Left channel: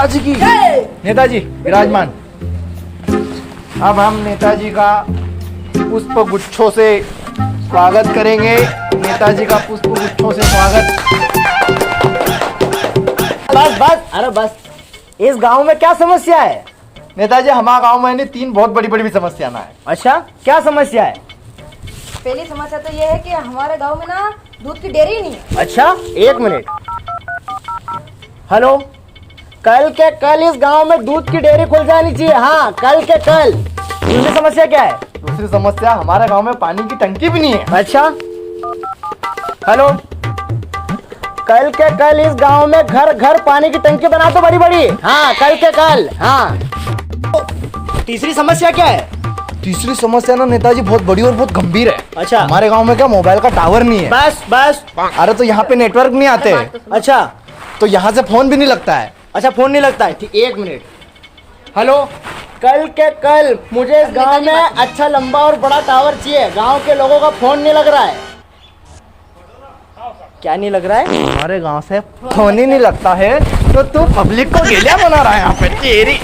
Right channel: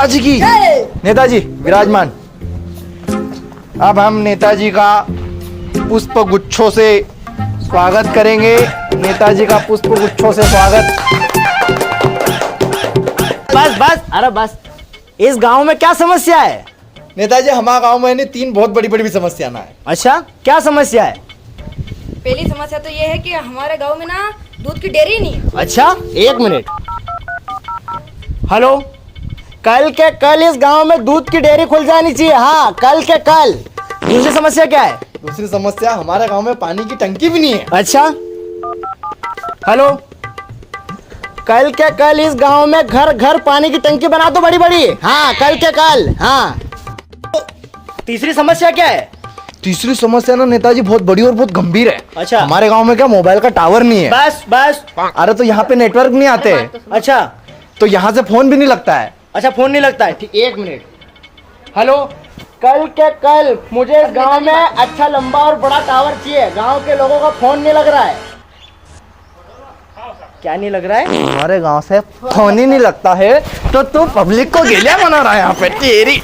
नेताजी की नेताजी विराजमान। अब हम नेताजी का पुष्प गुच्छों से स्वागत करेंगे। नेताजी का पुष्प गुच्छों से स्वागत। बस बस, अरे बस। इस गांव में क्या समस्या है? नेताजी हमारे गांव में 3 बहुत बड़ी बड़ी समस्या ना है। अच्छा, क्या समस्या है? पहली समस्या तो ये है कि हमारे गांव में ना दूध की डेयरी नहीं है। अच्छा, 1 मिनट। हेलो, कल के कल इस गांव में दूध की डेयरी खुल जानी चाहिए। हाँ, कल के कल। दूसरी समस्या क्या है? दूसरी समस्या हमारे गांव में पानी की टंकी भी नहीं है। अच्छा, हेलो, कल के कल इस गांव में घर घर पानी की टंकी बना दो बड़ी बड़ी। हाँ, कल के कल। हाँ, तीसरी समस्या क्या है? तीसरी समस्या ना नेताजी बहुत बड़ी और बहुत गंभीर है। अच्छा, हमारे गांव में क्या मोबाइल का टावर नहीं है। बस बस। अरे तो यहाँ पे नेटवर्क नहीं आते। अच्छा, तो यहाँ से फोन भी नहीं लगता है। अच्छा, फोन नहीं लगता है। ठीक, 1 मिनट। हेलो, कल के कल मुझे इस गांव में अच्छा लंबा और बड़ा टावर चाहिए। गांव के लोगों का फोन नहीं लग रहा है। क्या नहीं लग रहा है? हमारे गांव से फोन ही नहीं लगता है तो तू पब्लिक को गेले बना रहा है यहाँ पे। तेरी